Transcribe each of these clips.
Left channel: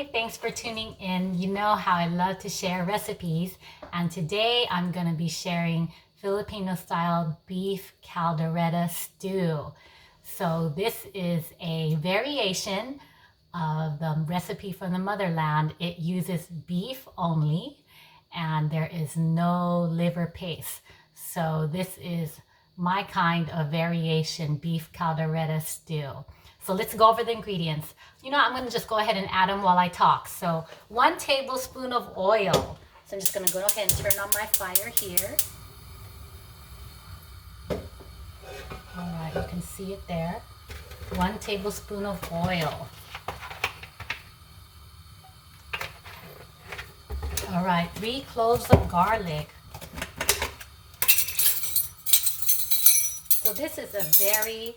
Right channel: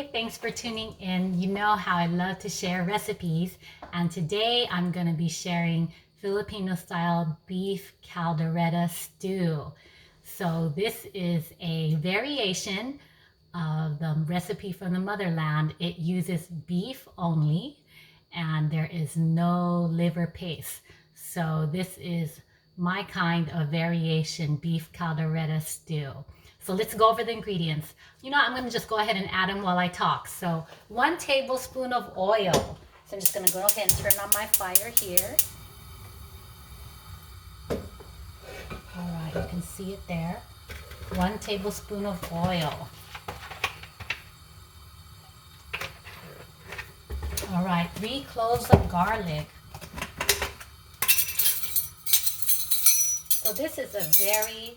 Hi, thanks for tuning in. You know how I love to share recipes, and today I'm going to be sharing Filipino style beef caldereta stew. So this is a variation of the recipe from the motherland. It uses beef only and there is no liver paste. So this is my kind of variation beef caldereta stew. So let's go over the ingredients. You know, I'm going to just go ahead and add them while I talk. So 1 tablespoon of oil. So I'm just going to go ahead and turn on my fire here. All right, you can see it there. 1 tablespoon of oil. All right, 3 cloves of garlic. So this is a very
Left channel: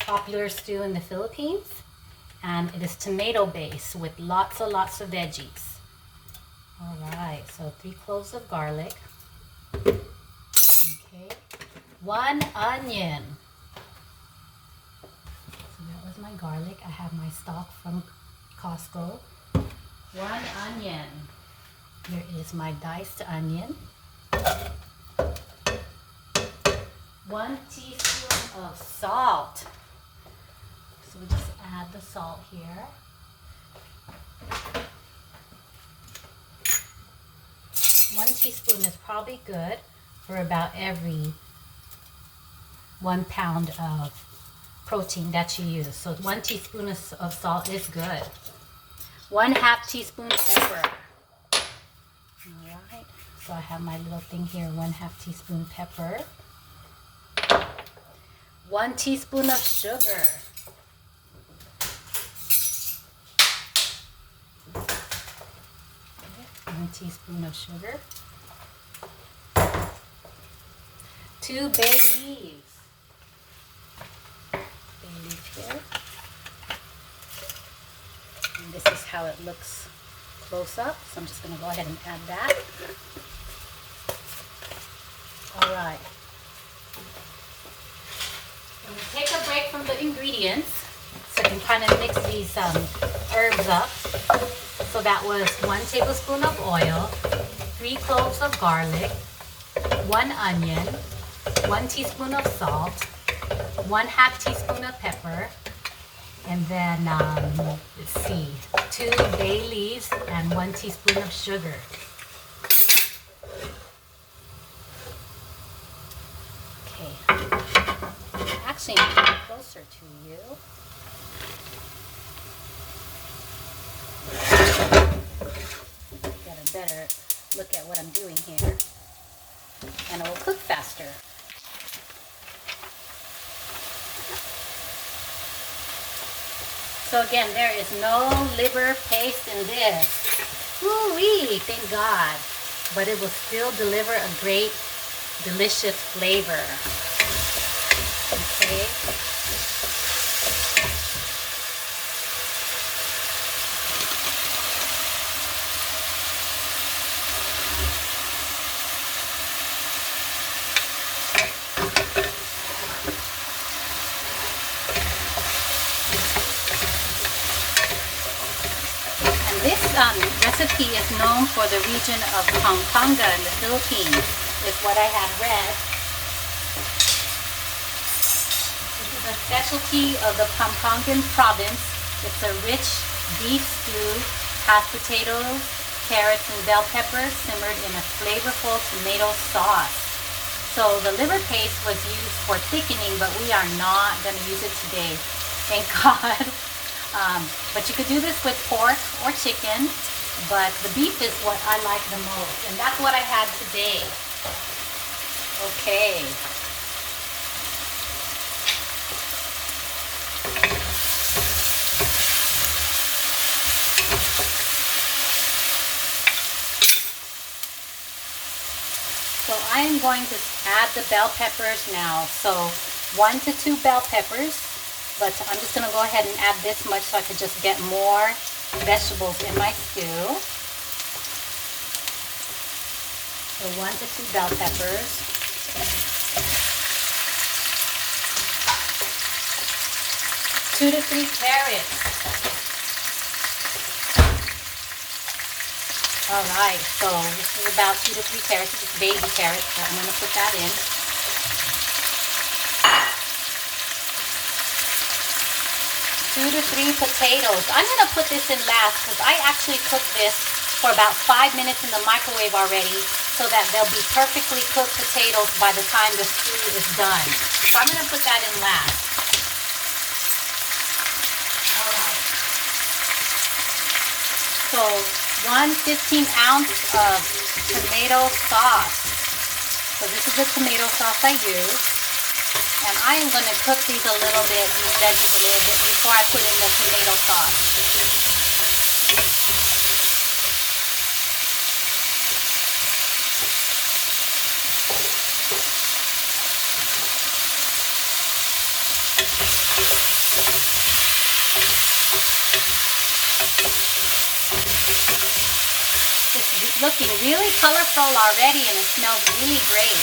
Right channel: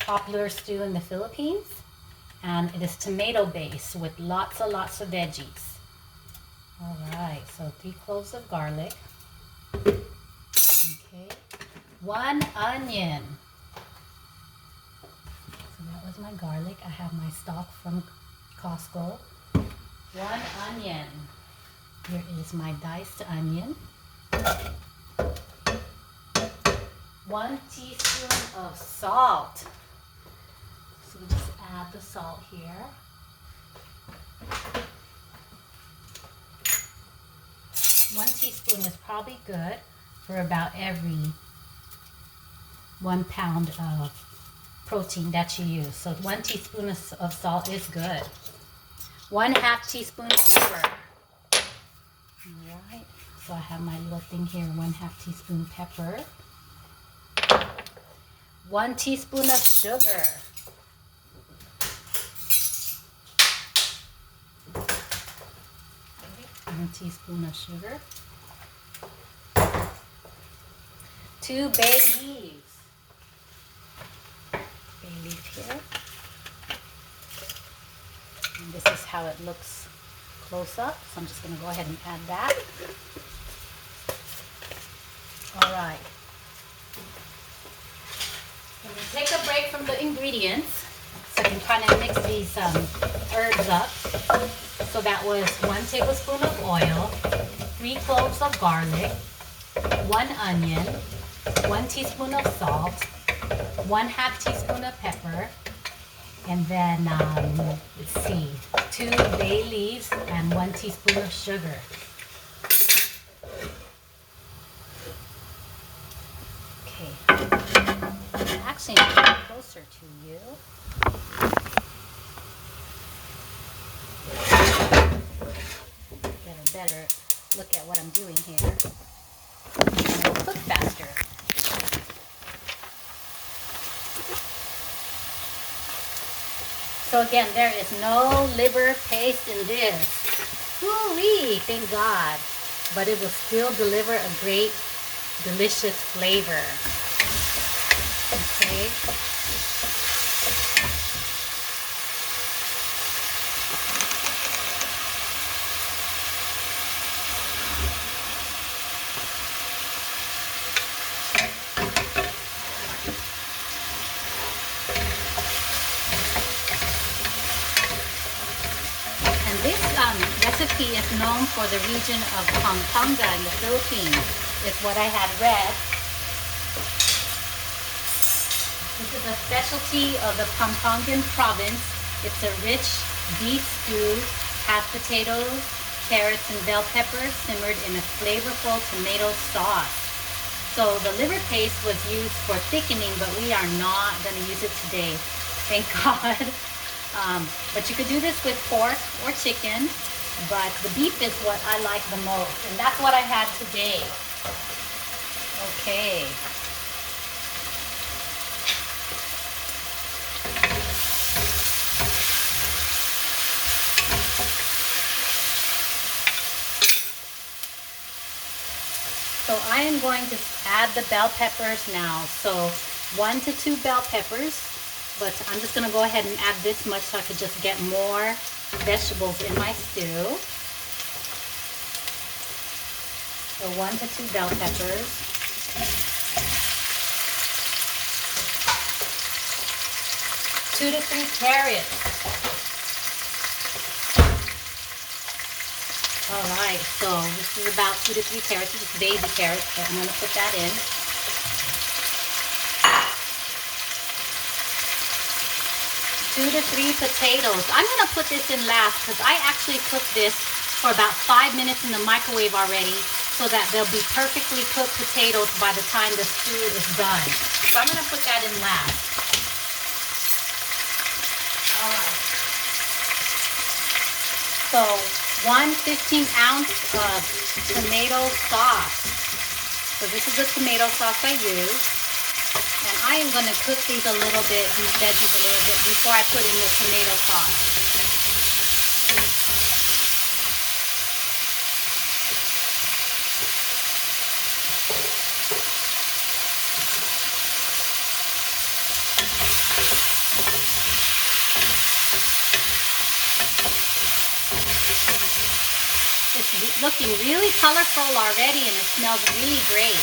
popular stew in the Philippines, and it is tomato based with lots of veggies. All right, so 3 cloves of garlic. Okay, 1 onion. So that was my garlic. I have my stock from Costco. 1 onion. Here is my diced onion. 1 teaspoon of salt. So we just add the salt here. 1 teaspoon is probably good for about every 1 pound of protein that you use. So 1 teaspoon of salt is good. 1/2 teaspoon pepper. All right, so I have my little thing here, 1/2 teaspoon pepper. 1 teaspoon of sugar. Okay, 1 teaspoon of sugar. 2 bay leaves. Bay leaf here. And this is how it looks close up. So I'm just going to go ahead and add that. All right. I'm going to take a break from the ingredients so I can kind of mix these herbs up. So that was 1 tablespoon of oil, 3 cloves of garlic, 1 onion, 1 teaspoon of salt, 1/2 teaspoon of pepper, and then, let's see, 2 bay leaves and 1 teaspoon of sugar. Okay. Actually, I'm getting closer to you. Get a better look at what I'm doing here. And it will cook faster. So again, there is no liver paste in this. Woo-wee, thank God. But it will still deliver a great, delicious flavor. Okay. This recipe is known for the region of Pampanga in the Philippines, is what I had read. This is a specialty of the Pampangan province. It's a rich beef stew, hot potatoes, carrots, and bell peppers simmered in a flavorful tomato sauce. So the liver paste was used for thickening, but we are not going to use it today. Thank God. But you could do this with pork or chicken, but the beef is what I like the most, and that's what I had today. Okay. So I am going to add the bell peppers now. So 1 to 2 bell peppers. But I'm just going to go ahead and add this much so I could just get more vegetables in my stew. So 1 to 2 bell peppers. 2 to 3 carrots. All right, so this is about 2 to 3 carrots. This is baby carrots, so I'm going to put that in. 2 to 3 potatoes. I'm going to put this in last because I actually cooked this for about 5 minutes in the microwave already so that they'll be perfectly cooked potatoes by the time the stew is done. So I'm going to put that in last. All right. So 1 15-ounce of tomato sauce. So this is the tomato sauce I use. And I am going to cook these a little bit, these veggies a little bit before I put in the tomato sauce. It's looking really colorful already and it smells really great.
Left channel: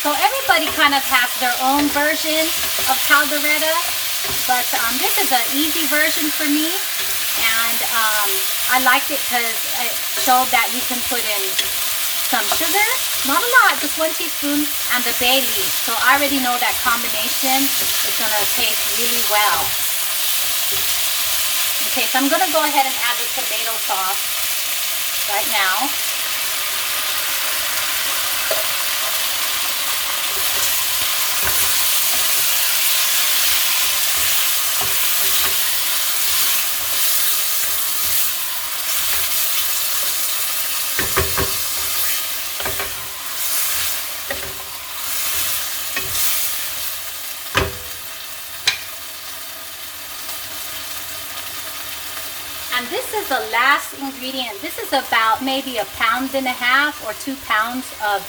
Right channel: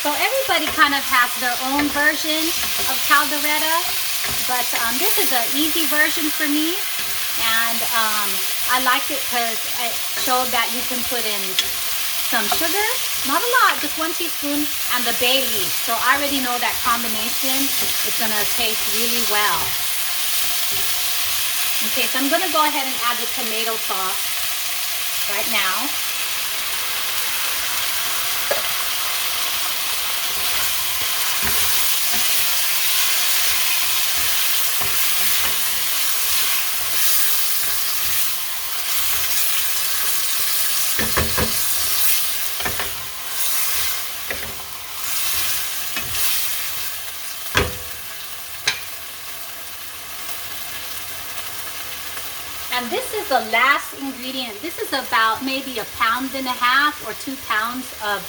So everybody kind of has their own version of caldereta, but this is an easy version for me, and I liked it because it showed that you can put in some sugar, not a lot, just 1 teaspoon, and the bay leaf. So I already know that combination is going to taste really well. Okay, so I'm going to go ahead and add the tomato sauce right now. And this is the last ingredient. This is about maybe 1.5 pounds or 2 pounds of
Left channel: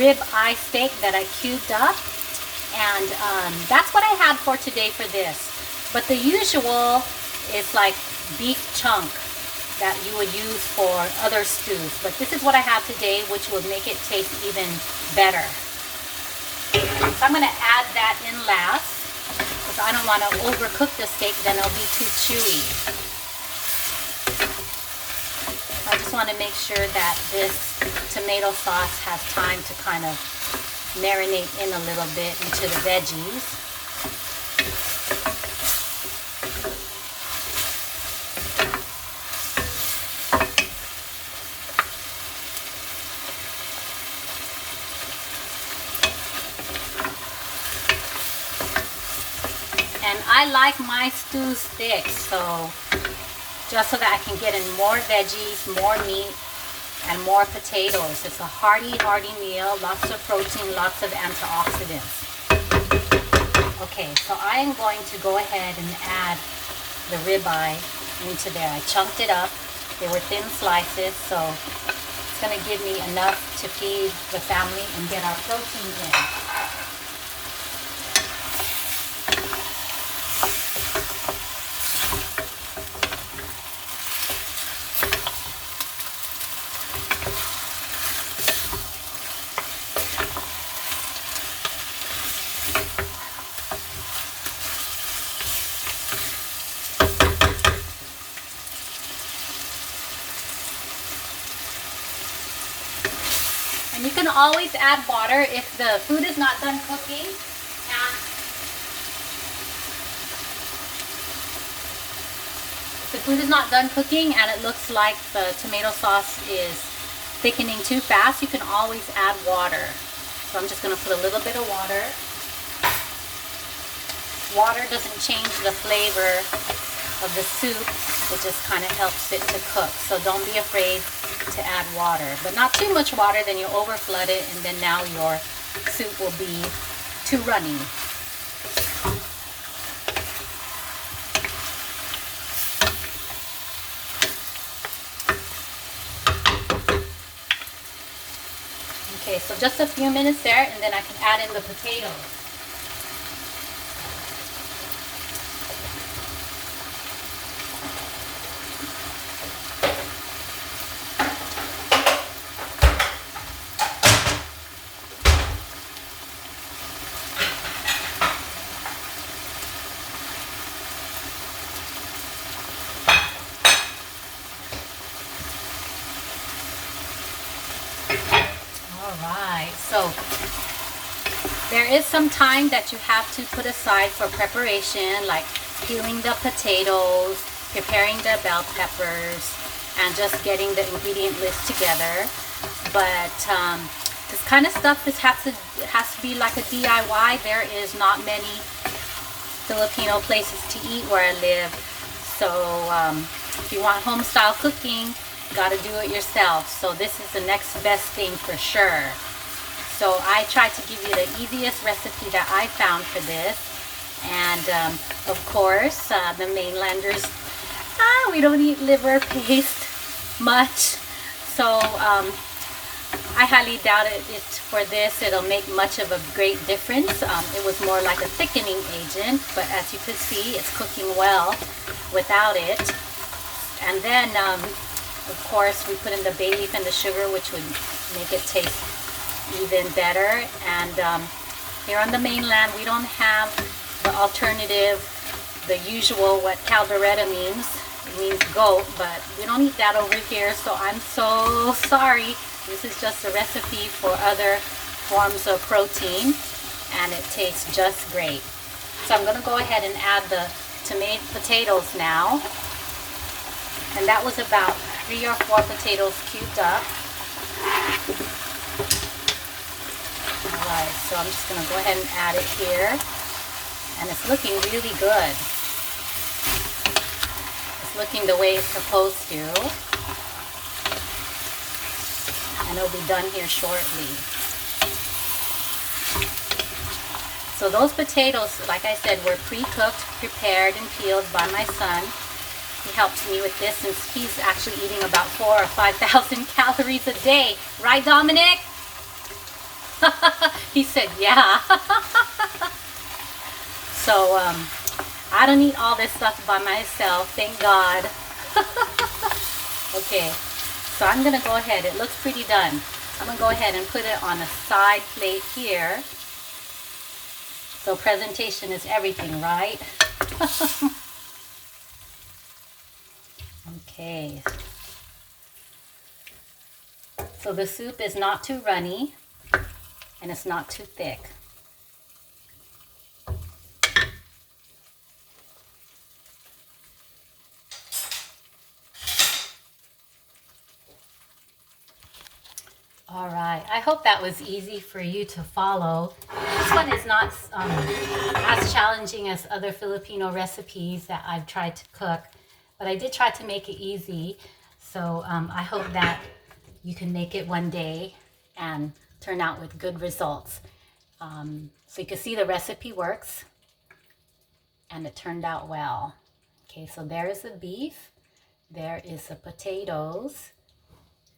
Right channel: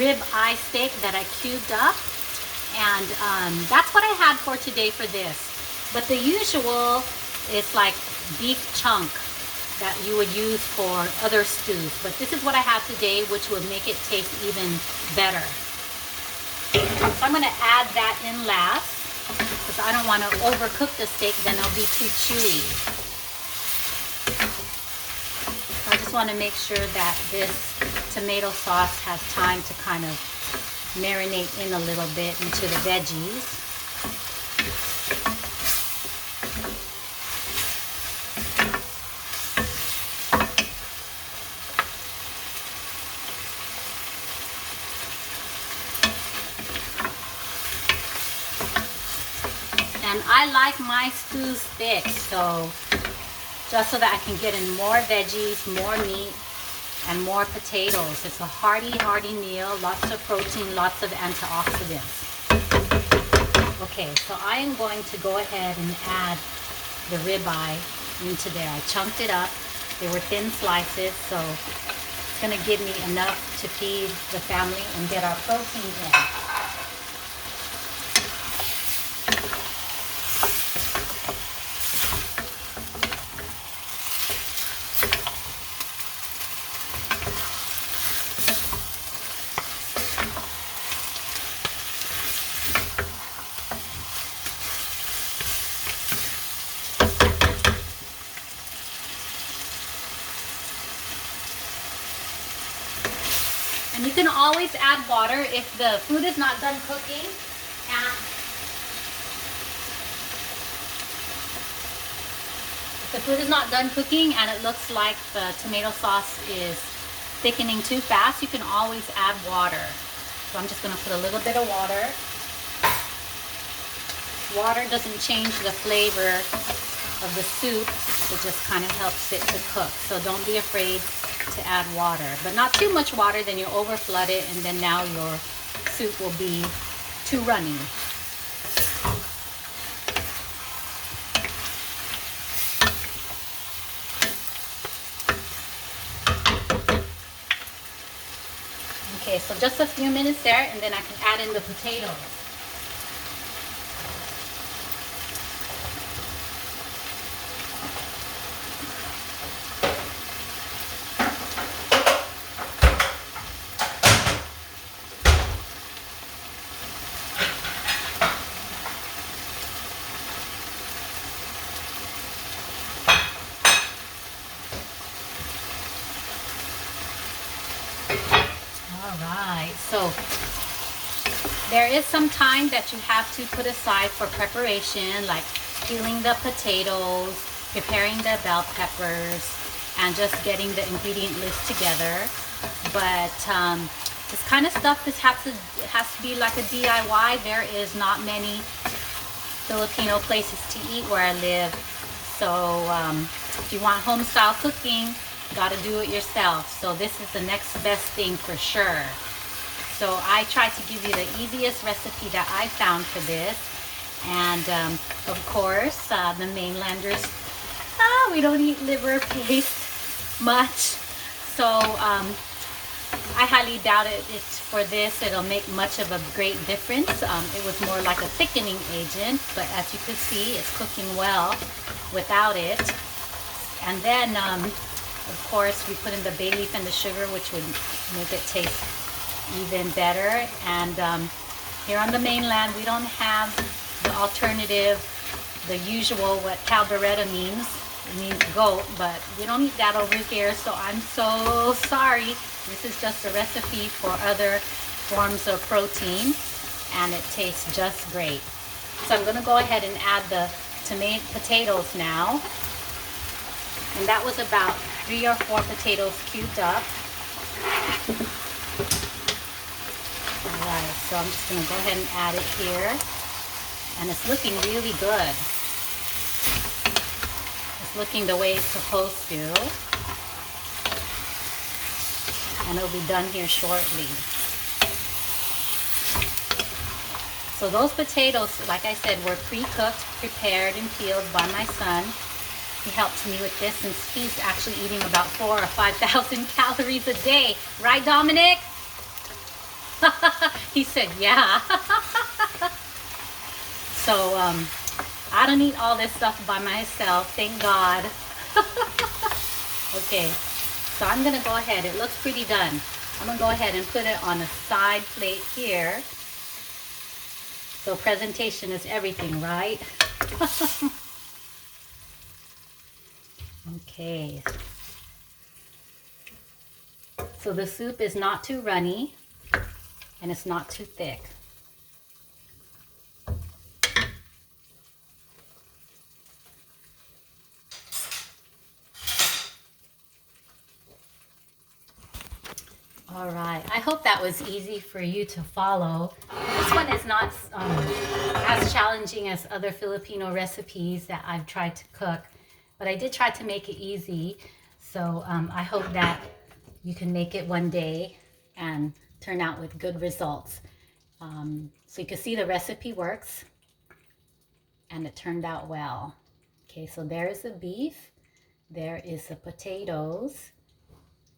rib eye steak that I cubed up. And that's what I had for today for this. But the usual is like beef chunk that you would use for other stews. But this is what I have today, which will make it taste even better. So I'm going to add that in last because I don't want to overcook the steak, then it'll be too chewy. I just want to make sure that this tomato sauce has time to kind of marinate in a little bit into the veggies. And I like my stews thick, so just so that I can get in more veggies, more meat, and more potatoes. It's a hearty, hearty meal, lots of protein, lots of antioxidants. Okay, so I am going to go ahead and add the ribeye into there. I chunked it up. They were thin slices, so it's going to give me enough to feed the family and get our proteins in. And you can always add water if the food is not done cooking. And if the food is not done cooking and it looks like the tomato sauce is thickening too fast, you can always add water. So I'm just going to put a little bit of water. Water doesn't change the flavor of the soup. It just kind of helps it to cook. So don't be afraid to add water, but not too much water, then you over flood it and then now your soup will be too runny. Okay, so just a few minutes there and then I can add in the potatoes. So there is some time that you have to put aside for preparation, like peeling the potatoes, preparing the bell peppers, and just getting the ingredient list together. But this kind of stuff has to be like a DIY. There is not many Filipino places to eat where I live. So if you want home style cooking, gotta do it yourself. So this is the next best thing for sure. So I tried to give you the easiest recipe that I found for this. And of course, the mainlanders, we don't eat liver paste much. So I highly doubt it for this. It'll make much of a great difference. It was more like a thickening agent, but as you can see, it's cooking well without it. And then, of course, we put in the bay leaf and the sugar, which would make it taste even better. And here on the mainland, we don't have the alternative, the usual, what Kaldareta means. It means goat, but we don't eat that over here, so I'm so sorry. This is just a recipe for other forms of protein, and it tastes just great. So I'm going to go ahead and add the potatoes now. And that was about 3 or 4 potatoes cubed up. Alright, so I'm just going to go ahead and add it here. And it's looking really good. It's looking the way it's supposed to. And it'll be done here shortly. So those potatoes, like I said, were pre-cooked, prepared, and peeled by my son. He helps me with this since he's actually eating about 4,000 or 5,000 calories a day. Right, Dominic? He said, yeah. So, I don't eat all this stuff by myself, thank God. Okay, so I'm going to go ahead. It looks pretty done. I'm going to go ahead and put it on a side plate here. So presentation is everything, right? Okay. So the soup is not too runny and it's not too thick. All right, I hope that was easy for you to follow. This one is not as challenging as other Filipino recipes that I've tried to cook, but I did try to make it easy. So I hope that you can make it one day and turn out with good results. So you can see the recipe works and it turned out well. Okay, so there is the beef, there is the potatoes,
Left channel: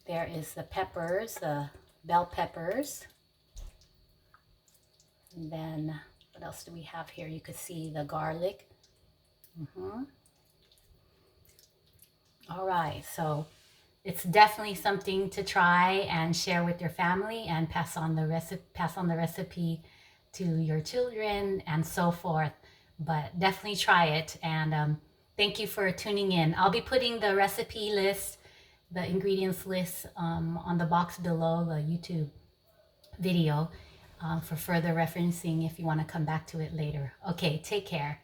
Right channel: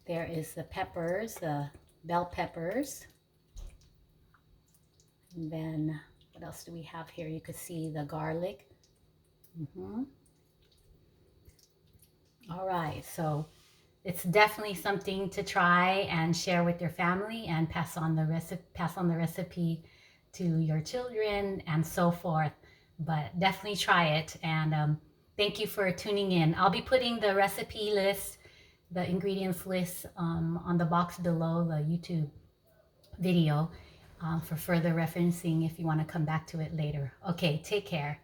there is the peppers, the bell peppers. And then what else do we have here? You could see the garlic. All right, so it's definitely something to try and share with your family and pass on the recipe to your children and so forth. But definitely try it, and thank you for tuning in. I'll be putting the recipe list, the ingredients list on the box below the YouTube video for further referencing if you want to come back to it later. Okay, take care.